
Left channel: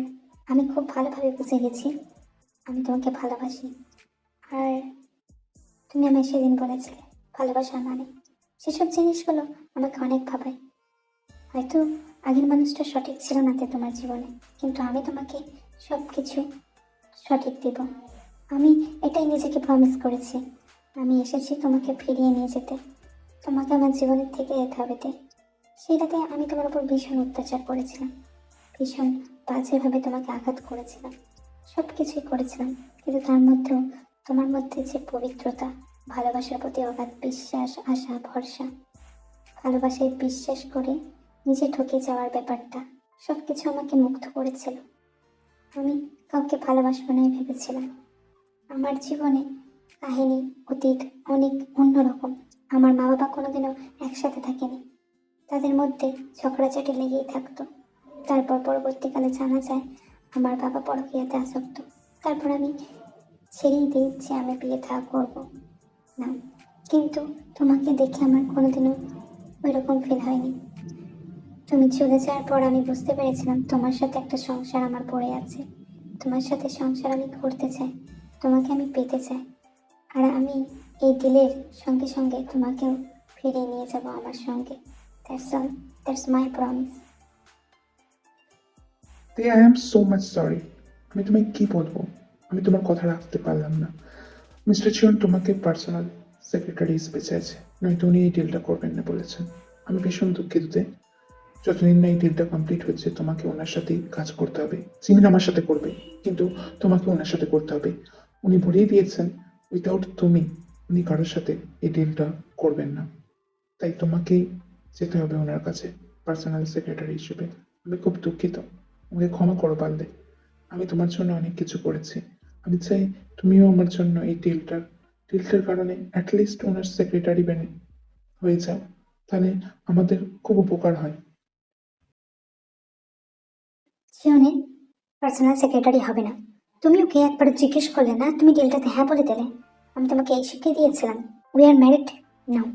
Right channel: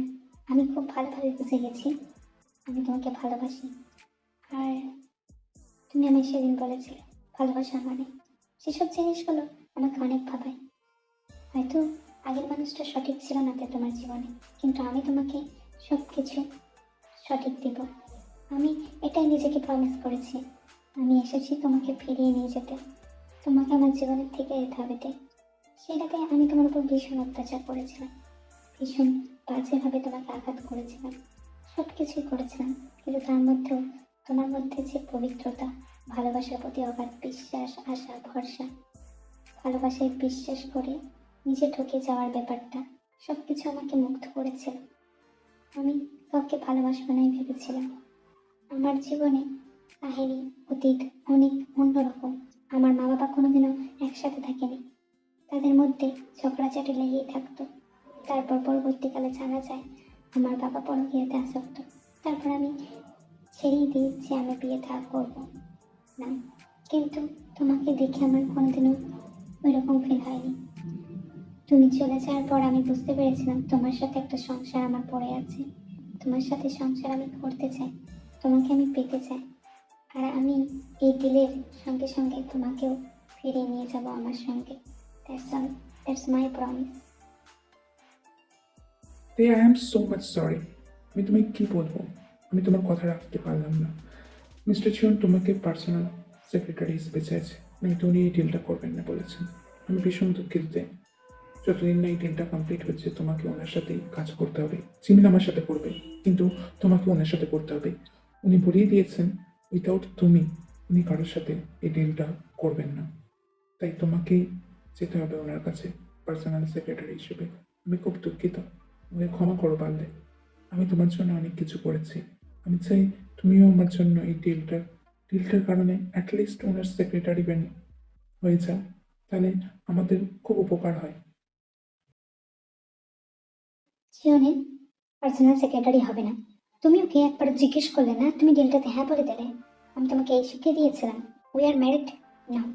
আমি খুব ভালোভাবে বুঝে গেছি আমি তোমাকে ভালোবাসি। আর তুমি আমায় সেদিন বলেছিলে ভালোবাসা মানে, সেসব জিনিসগুলো আমাকে অনেক ভাবায়। হয়তো আগের মানুষটা সঠিক ছিল না তে তোমার জীবনে, কিন্তু আমি তোমাকে সব কিছু সঠিক দিব। আমি এটাই নিজেকে প্রমিস করেছি। আমি এসেছি তোমাকে ফিরিয়ে নিয়ে যেতে, তোমাকে আমার জীবনের থেকে যেতে হবে তে। সেই রাতে আমি তোমার উপর ভীষণ অত্যাচার করেছিলাম, ভীষণ বাজেভাবে তোমাকে আঘাত করেছিলাম, সব কিছুই করেছিলাম, কিন্তু তার মধ্যেও তোমার মধ্যে যে পবিত্রতা, ভালোবাসার প্রতি অগাধ বিশ্বাস, আশা, ভরসা, ভালোবাসায় বিশ্বাস করে নিজে ঠকে যাওয়ার ব্যাপারটা, সব কিছু আমাকে মুগ্ধ করেছিল। আমি কাউকে ভালোবাসবো নাই ভেবেছিলাম। আমার জীবনে কাহিনী, অতীত অনেক অন্যরকম। আমার মা বাবা কোনোদিনও একসাথে থাকেনি, তাদের মধ্যে ঝগড়াঝাটি লেগেই থাকতো। তারপর পরবর্তীকালে জানা যায় আমার বাবা পরকীয়াতে আসক্ত। তারপর আমি ছেড়েই দিই যে আমি বিয়ে থা করবো না, কিন্তু তোমাকে দেখে আমার কোনোদিনও ওই রকম ফিল হয়নি। তুমি চলে যাওয়ার পর আমি বুঝতে পেরেছিলাম তোমার সাথে একটা সংসার আমার পড়ে আছে। তোমার সাথে সংসার আমি করতে চাই, তোমাকে আমি পেতে চাই। আর আমি এই ডিলের সঙ্গে সঙ্গে তোমাকেও ফিরিয়ে নিয়ে যাব আমার সঙ্গে। That's all, that's my promise. তে I am so much sorry. আমি তোমায় কি বলবো, আমি তোমার কথা রাখতে পারলাম না। মিস্টার চিয়ন তোমাকে পার্সোনাল সেক্রেটারি হিসেবে চাইছে, নয়তো উনি এই ডিলটা করবেন না বলেছেন। আমি ভীষণ দুঃখিত তে। যতদিন না এই ডিলটা কমপ্লিট হচ্ছে তোমাকে ওনার সাথেই কাজ করতে হবে। জিমিন আমার সাথে করবে, কিন্তু তোমাকে ওনার সাথে করতে হবে। উনি বলেই দিয়েছেন উইথাউট তুমি উনি কারোর সাথে এই ডিলটা করবেন না। তাই তোমাকে যেতে হবে ওনার কাছে পার্সোনাল সেক্রেটারি হিসেবে। আমি খুব দুঃখিত, আমাকে ক্ষমা করো পারলে। আমি তোমার জন্য অনেক কিছু করেছি। আমি চাই তুমিও আমার জন্য এই ডিলটার কারণে অ্যাটলিস্ট ওনার সেক্রেটারি হয়ে যাও, তাহলে আমাদের খুব উপকার হয়। জিওনের পার্সোনাল সেক্রেটারি হবে না। তুমি ওকে একবার জিজ্ঞেস করলে না, তুমি ডিলটাতে হ্যাঁ বলে দিলে। আমি তোমাকে এই শিখিয়ে দিয়েছিলাম, we are married now.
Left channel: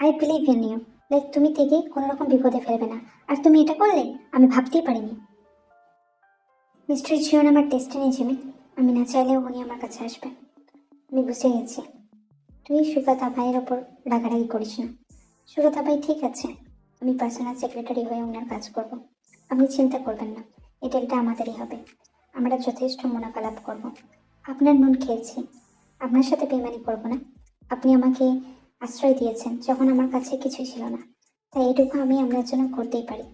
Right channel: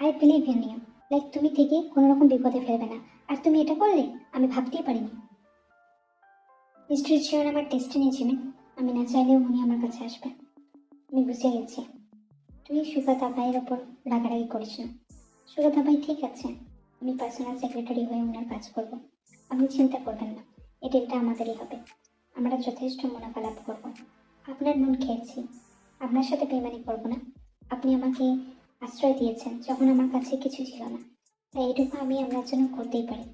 I believe in you. Like তুমি থেকে কোনো রকম বিপদে ফেলবে না। আর তুমি এটা করলে আমি ভাবতেই পারিনি। মিস্টার জিওন আমার ডেস্টিনি জিমি। আমি না চাইলেও উনি আমার কাছে আসবে। আমি বুঝে গেছি। তুই সুগতা ভাইয়ের ওপর রাগারাগি করিস না। সুগতা ভাই ঠিক আছে, আমি পার্সোনাল সেক্রেটারি হয়ে ওনার কাজ করব। আপনি চিন্তা করবেন না, এই ডিলটা আমাদেরই হবে। আমরা যথেষ্ট মুনাফা লাভ করব। আপনার নুন খেয়েছি, আপনার সাথে বেইমানি করব না। আপনি আমাকে আশ্রয় দিয়েছেন যখন আমার কাছে কিছু ছিল না, তাই এটুকু আমি আপনার জন্য করতেই পারি।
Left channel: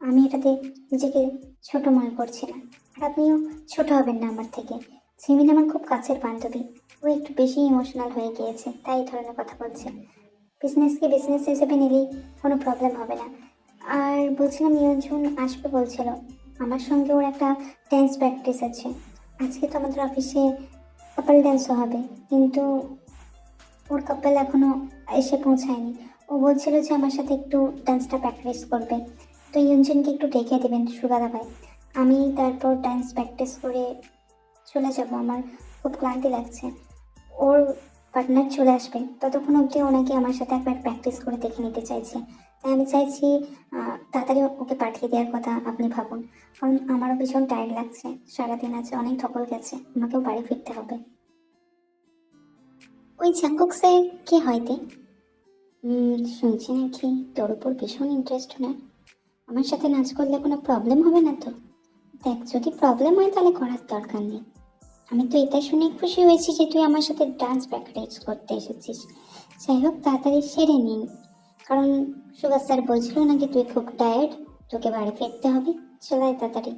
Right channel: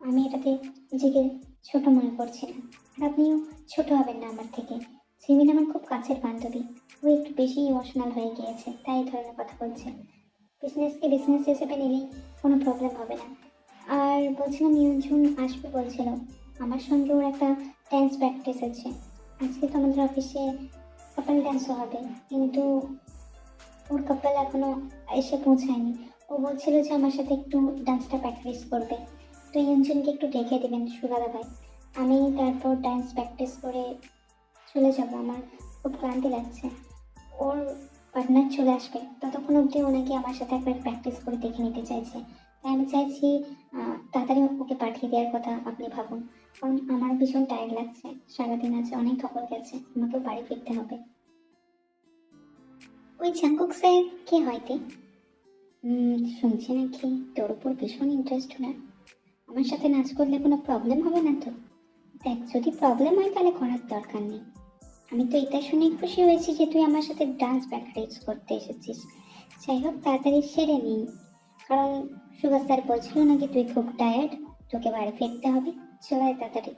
আমি এটাতে নিজেকে ছোট মনে করছি না, আর আপনিও ছোট হবেন না আমার থেকে। জিমিন আমার খুব কাছের বান্ধবী, ও একটু বেশি ইমোশনাল হয়ে গিয়েছে, তাই এই ধরনের কথা বলছে। বিজনেসকে বিজনেস হিসেবে নিলেই কোনো প্রবলেম হবে না। আর বলছিলাম ইয়ঞ্জুন আসবে বলছিল, আমার সঙ্গে ওর একটা ড্যান্স প্র্যাকটিস আছে। আজকে তো আমাদের অফিসে কাপল ড্যান্সও হবে, কিন্তু ওর কাপল এখনো এসে পৌঁছায়নি। ও বলছিল যে আমার সাথে একটু ডান্সটা প্র্যাকটিস করবে, তো ইয়ঞ্জুনকে একটু ডেকে দেবেন সুগাদা ভাই। আমি তারপর ডান্স প্র্যাকটিস করে চলে যাব, আমার খুব ক্লান্তি লাগছে। ওর পার্টনার চলে আসবে, ততক্ষণ অবধি ওনাকে আমার সাথে একবার প্র্যাকটিস করে দেখে নিতে চাইছে। তাই আমি চাইছি তাড়াতাড়ি ওকে পাঠিয়ে দেওয়ার কথা আপনি ভাবুন, কারণ আমারও ভীষণ টায়ার্ড লাগছে, সারাদিন আছে, অনেক ধকল গেছে, আমাকেও বাড়ি ফিরতে হবে। ওই জাঙ্কুক স্যার কে হয়তে? শুনছি নাকি তোর উপর ভীষণ ইন্টারেস্ট না। আমার সাথে নাচ করলে কোনো প্রবলেম হবে না তো? দেখ, যদি প্রবলেম হয় তাহলে করার দরকার নেই। আমি তো এটাই শুনে খুশি হয়েছি যে তুই আমার সাথে ডান্স প্র্যাকটিস করতে এসেছিস। যাই হোক, তাড়াতাড়ি সেরে নিন, কারণ সুভাষ স্যার বলছিল নাকি তুই খুব টায়ার্ড, তোকে বাড়ি ফিরতে হবে। চলাই তাড়াতাড়ি,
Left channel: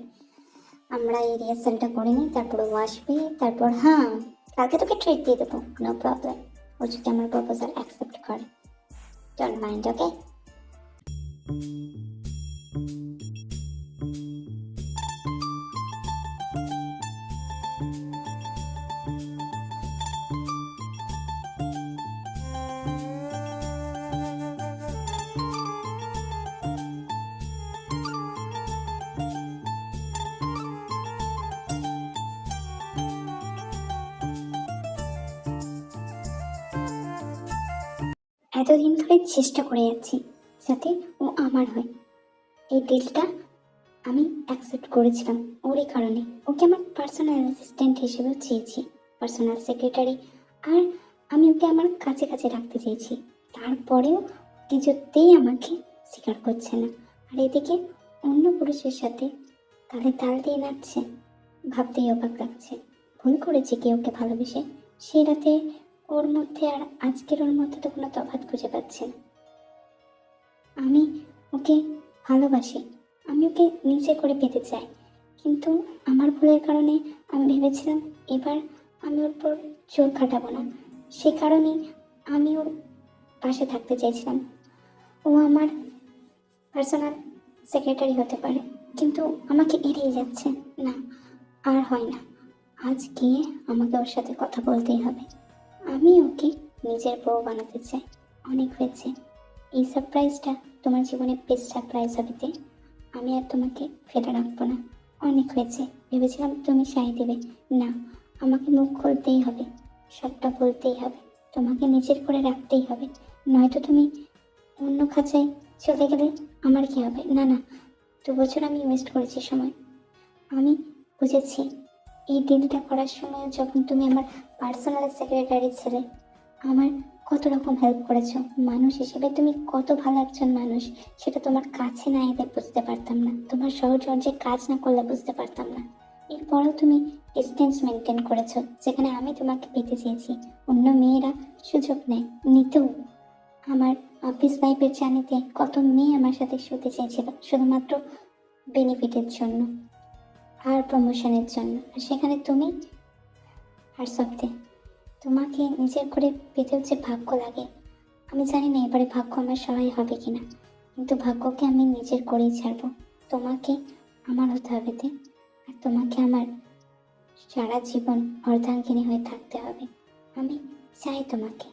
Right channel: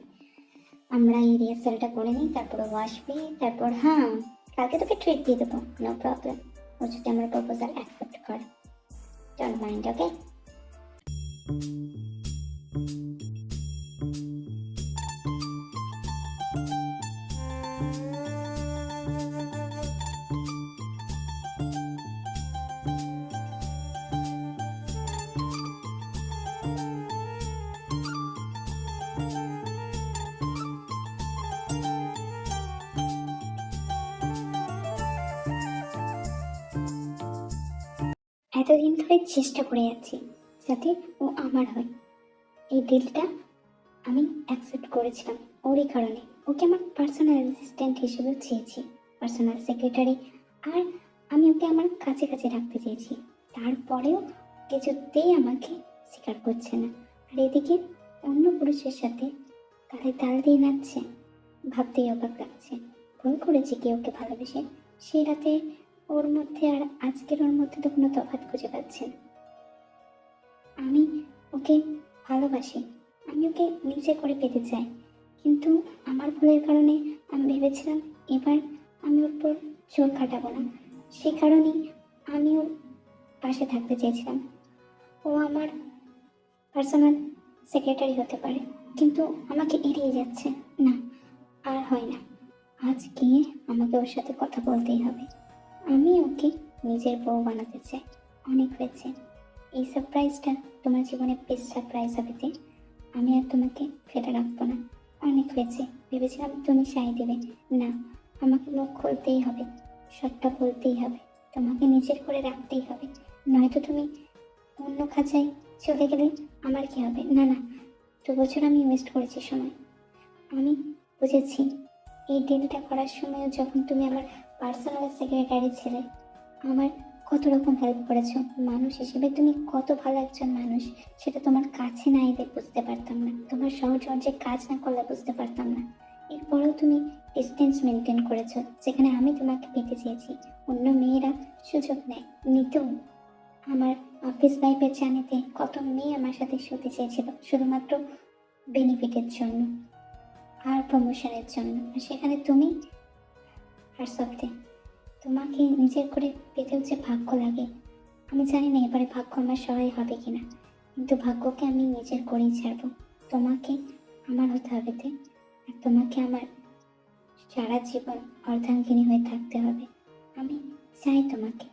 আমরা এই রিহার্সালটা করে নিই, তারপর ও আসবে। তারপর হ্যাঁ, কালকে তোকে ট্রিট দিয়ে দেবো, নো প্রবলেম। ও যদি আমার প্রপোজাল অ্যাকসেপ্ট করে, ডোন্ট মাইন্ড, ওকে? এতদিন ধরে চেষ্টা করে যাচ্ছি যাতে ও আমার হয়। এই ডিলটা আমি অ্যাকসেপ্ট করেছিলাম ওরই কারণে। ওকে আমার পার্সোনাল অ্যাসিস্ট্যান্ট হিসেবেও চেয়েছি, পার্সোনাল সেক্রেটারি। আর আমি ওকে আমার কাছে কাছে রাখতে চেয়েছি, তারপরেও কিছুতেই আমাকে স্বীকার করছে না। আর এদিকে অন্য পুরুষের সাথে তালে তাল দিয়ে নাচছে, ভাবতেই অবাক লাগছে। ভুল করেছে কি ওকে ভালোবেসে? সেই রাতে ওর মধ্যে আর আজকের ওর মধ্যে তো কোনো তফাৎ খুঁজে পাচ্ছি না। আমি ওকে ভালোবাসি, আমি ওকে নিজে করে পেতে চাই, কিন্তু আমার ভুলের কারণে আমি ভেবেছিলাম এবার আমি ওর পর জোর খাটাবো না। সে কারণেই আমি ওর পাশে থাকতে চাইছিলাম। ও আমার পার্সোনাল সেক্রেটারি হতে পারে, কিন্তু আমাকে এড়িয়ে যাচ্ছে। না, আর হয় না। আজকে আমাকে ওর সাথে কথা বলতেই হবে। আমি ওকে নিজের বউ বানাতে চাই। অনেক হয়েছে, এই সারপ্রাইজটা তোমার জীবনে বেস্ট সারপ্রাইজ হবে তে। আমি আর তোমাকে ফেলে রাখবো না। অনেক হয়েছে, ভেবেছিলাম তুমি সাই দেবে, না, আমাকে মুখ খুলতেই হবে, সবটা বলতেই হবে, তোমাকে নিজের করে রাখতেই হবে। নয়তো তুমি অন্য খাঁচায় চলে গেলে আমার কি হবে? না না, 2 বছর আমি ওয়েস্ট করেছি সময়। আমি বুঝেছি, এই ডিলটা করার সময় যখন তুমি আমার পার্সোনাল সেক্রেটারি ছেলে, আমার কত রকম হেল্প করেছো। মানুষ হিসেবে তুমি কত ভালো একজন মানুষ, সেটা তোমার কাছে না এলে বুঝতে পারতাম না, তোমার সহচর্যে কাজ না করলে বুঝতে পারতাম না। এরপরও তুমি ডিস্টেন্স মেনটেন করেছো, যেখানে আমি তোমাকে পেতে চেয়েছি অন্য মেয়েরা সুযোগ নেয় নিতেও। আমার অফিস লাইফের জানিতে কত মেয়ে আমার সাথে শুতে চেয়েছিল শুধুমাত্র বেনিফিটের জন্য আর প্রমোশনের জন্য, আর সেখানে তুমি আর সত্যি তোমাকে নিজের করে পেতেও যে ভাগ্য লাগে। আমি জানি না এবারে ভাগ্য আমার সহায় হবে কিনা, কিন্তু ভাগ্যকে আমি নিজের করেই ছাড়বো। তোমাকে আমার হতে হবে তে, আর তোমাকে আমার সারা জীবন অর্ধাঙ্গিনী হয়ে থাকতে হবে। আমি চাই তোমাকে,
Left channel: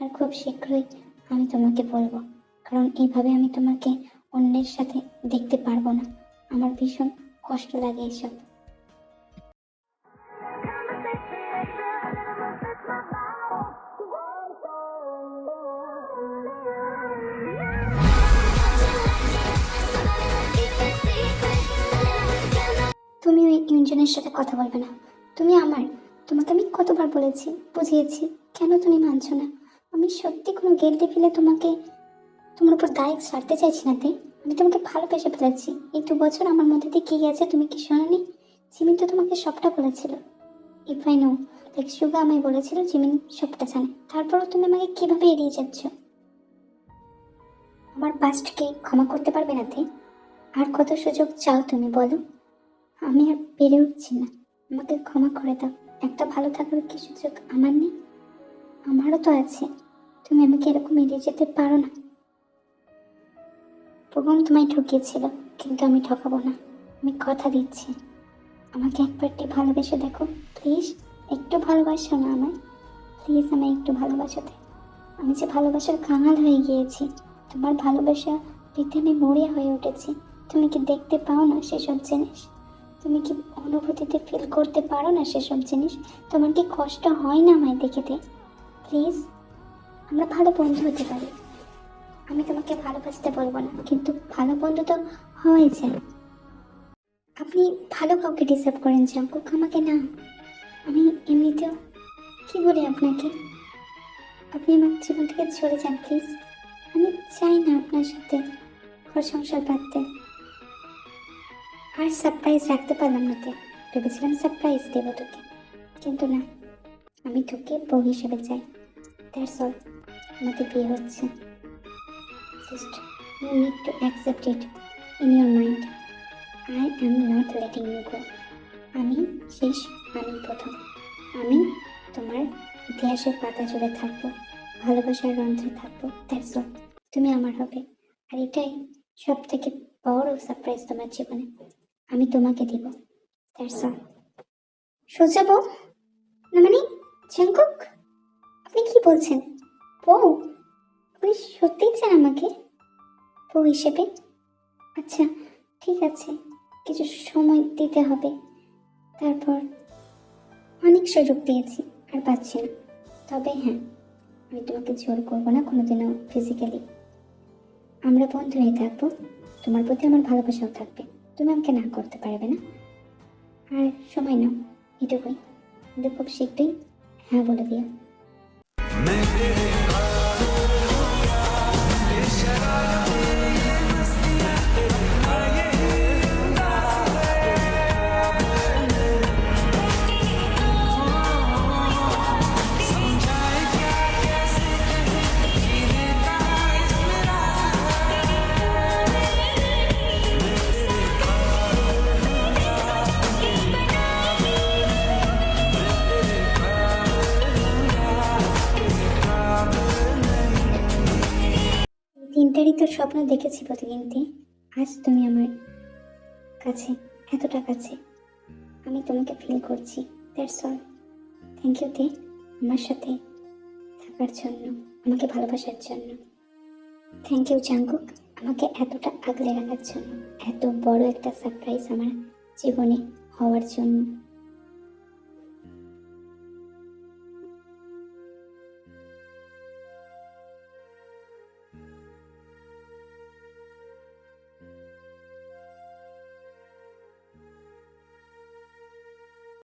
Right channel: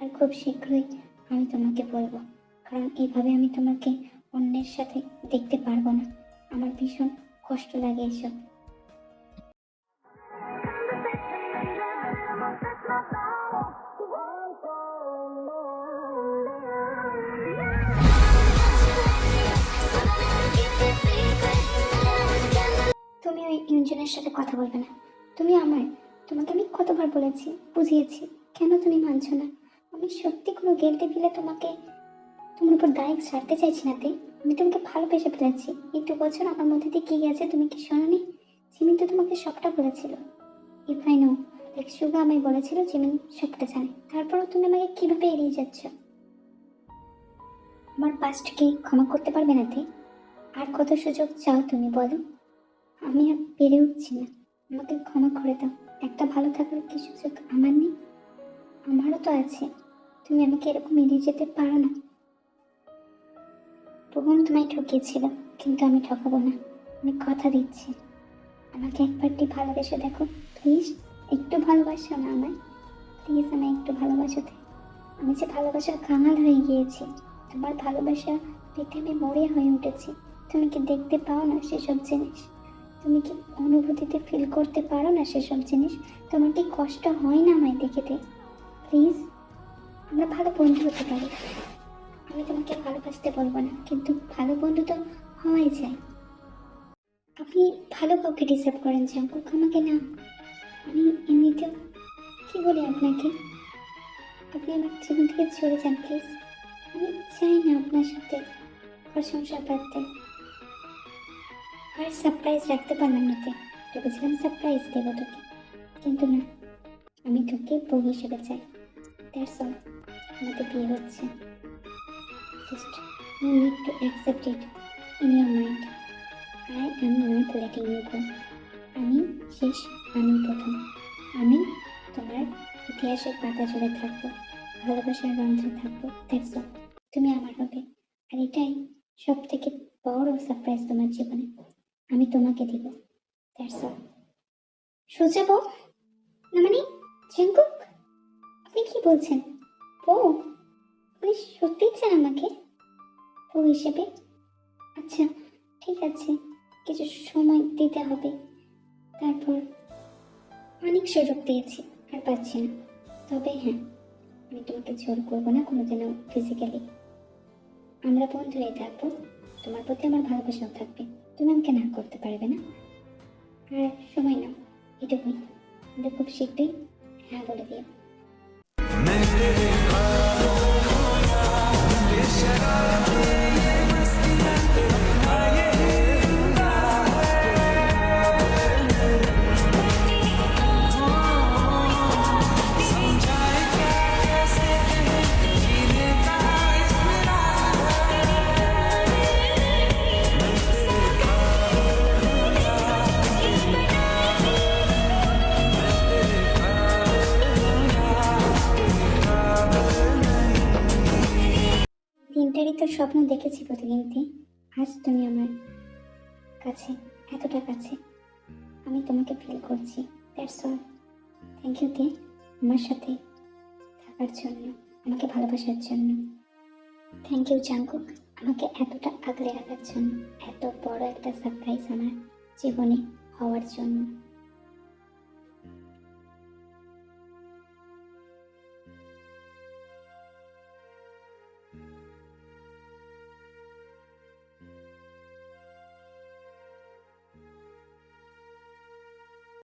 আর খুব শীঘ্রই আমি তোমাকে বলবো, কারণ এইভাবে আমি তোমাকে অন্যের সাথে দেখতে পারবো না। আমার ভীষণ কষ্ট লাগে এসব। তুমি ওই ইউনজনের সাথে কথা বলবে না, তুমি আমার। তোমাকে আমি কতবার বলেছি, বুঝিয়েছি, কেন তুমি মানছো না? আমি সত্যি কোনো গিল্টি ফিলে তোমাকে তোমার উপর দায় ছাড়তে চাইছি না তে। আমি তোমাকে ভালোবেসে ফেলেছি। এই 2 বছর আমার মধ্যে দিয়ে কি গেছে তুমি কি শোনোনি? জিমিন তো তোমাকে সবটা বলেছিল। ইফ আই নো, লাইক সুগা আমায় বলেছিল জিমিন সবটা জানে, তারপরও তুমি আমাকে কিভাবে এড়িয়ে যাচ্ছ? আমার পাস্টকে ক্ষমা করতে পারবে না তে? আর কত সুযোগ চাও তুমি বলো? আমি আর পেরে উঠছি না, আমাকে ক্ষমা করে দাও। একটা ভালো থাকার কি সুযোগ আমার নেই? আমারও তো আছে। তুমি আমাকে এরকম এড়িয়ে যেতে পারো না। ভগবান তোমায় ঠকিয়েছিল, কিন্তু আমি ঠকাবো না। আমি কথা দিচ্ছি, আমাকে একবারটি ভালোবেসে দেখো প্লিজ। একটু ভালোবাসো না আমায়, প্লিজ আমায় একটু ভালোবাসোতে। আমি যে ভালোবাসার কাঙাল হয়ে গিয়েছি, তোমার ভালোবাসা পেতে আমি মরিয়া হয়ে উঠেছি। তুমি কি দেখতে পাও না সেসব জিনিস? তুমি কি অনুভূতিতে ফিল করতে পারো না সেসব জিনিস? তোমার কি কষ্ট হয় না আমায় দেখেতে? প্লিজ, আমরা ভালো বন্ধু হতে পারি। আমি তোমাকে ভালোবাসতে বলবো না, কিন্তু ভালো বন্ধু তো হওয়াই যায়। আপনি ভালো কাউকে ডিসার্ভ করেন জাঙ্কুক, আমাকে না। আমি এমনিতেও কি বলি আপনাকে, আপনি আমার জীবন থেকে চলে যান প্লিজ। আমি চাই না আপনার সাথে ঘর সংসার বাঁধতে। আর সারপ্রাইজ রাখতে পারলাম না কে, ভেবেছিলাম সারপ্রাইজ দেবো তোকে, কিন্তু না, আমি তোকে বউ হিসেবে চাই। That's all. আমাদের বিয়ে হচ্ছে, just you need to accept it in your mind. I am not letting you go. আমি শেষ, আমি প্রথম। আমি তোমার ইতিহাসের পাতা জুড়ে থাকবো, ভালোবাসার রন্ধ্রে থাকবো। That's all. তুমি আমার হবে, আর এটাই সব থেকে বড় সারপ্রাইজ তোমার জীবনে। আমি তোমাকে দিব। That's all. সোজা বউ না মানে জাঙ্কুক, আপনি কি বলছেন? বউ? আপনি সত্যিই চান আমাকে বউ হিসেবে? আচ্ছা ঠিক আছে, কিছু সময় দিতে হবে। তারপর অনেক সুযোগ দিয়েছি, আর পাচ্ছি না। তবে হ্যাঁ, আমি তোমাকে জোর করবো না কোনোদিনও ফিজিক্যালি। আমরা বন্ধু হয়ে থাকবো, তোমার প্রতি আমার ভালোবাসাও থাকবে, তুমি আমাকে না করতে পারবে না। আর সময় নাও, এটুকুই। কিন্তু খুব শীঘ্রই হ্যাঁ বলে দিও। मैं तेरे ख्वाबों हूँ या ये शरारतें ये मस्तियाँ तेरे मैं यही हूँगा समझाए क्या कैसे कहे जीने का इसमें राज है मैं तेरे ख्वाबों हूँ या ये बनावे मैं तेरे ख्वाबों हूँ या तेरे ख्वाबों नहीं 3টারই তো স্বপ্ন দেখেছি প্রতিদিনতে। আজ তুমি আমার কাছে, এতটা কাছে। আমি তোমাকে ফিল করছি। That's all. থ্যাংক ইউ দে, আমার সাথে থাকার জন্য, আমাকে ভালোবাসার জন্য। থ্যাংক ইউ জাঙ্কুক, আমাকে এতটা আগলে রাখার জন্য, এত বড় একটা সারপ্রাইজ আমার জীবনে হওয়ার জন্য।